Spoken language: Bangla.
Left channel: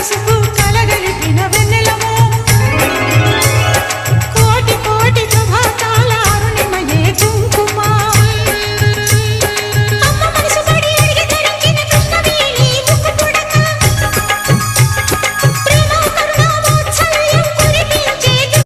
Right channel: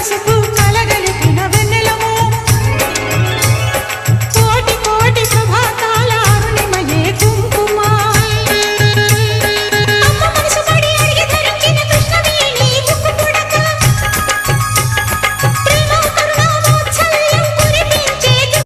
పసుపు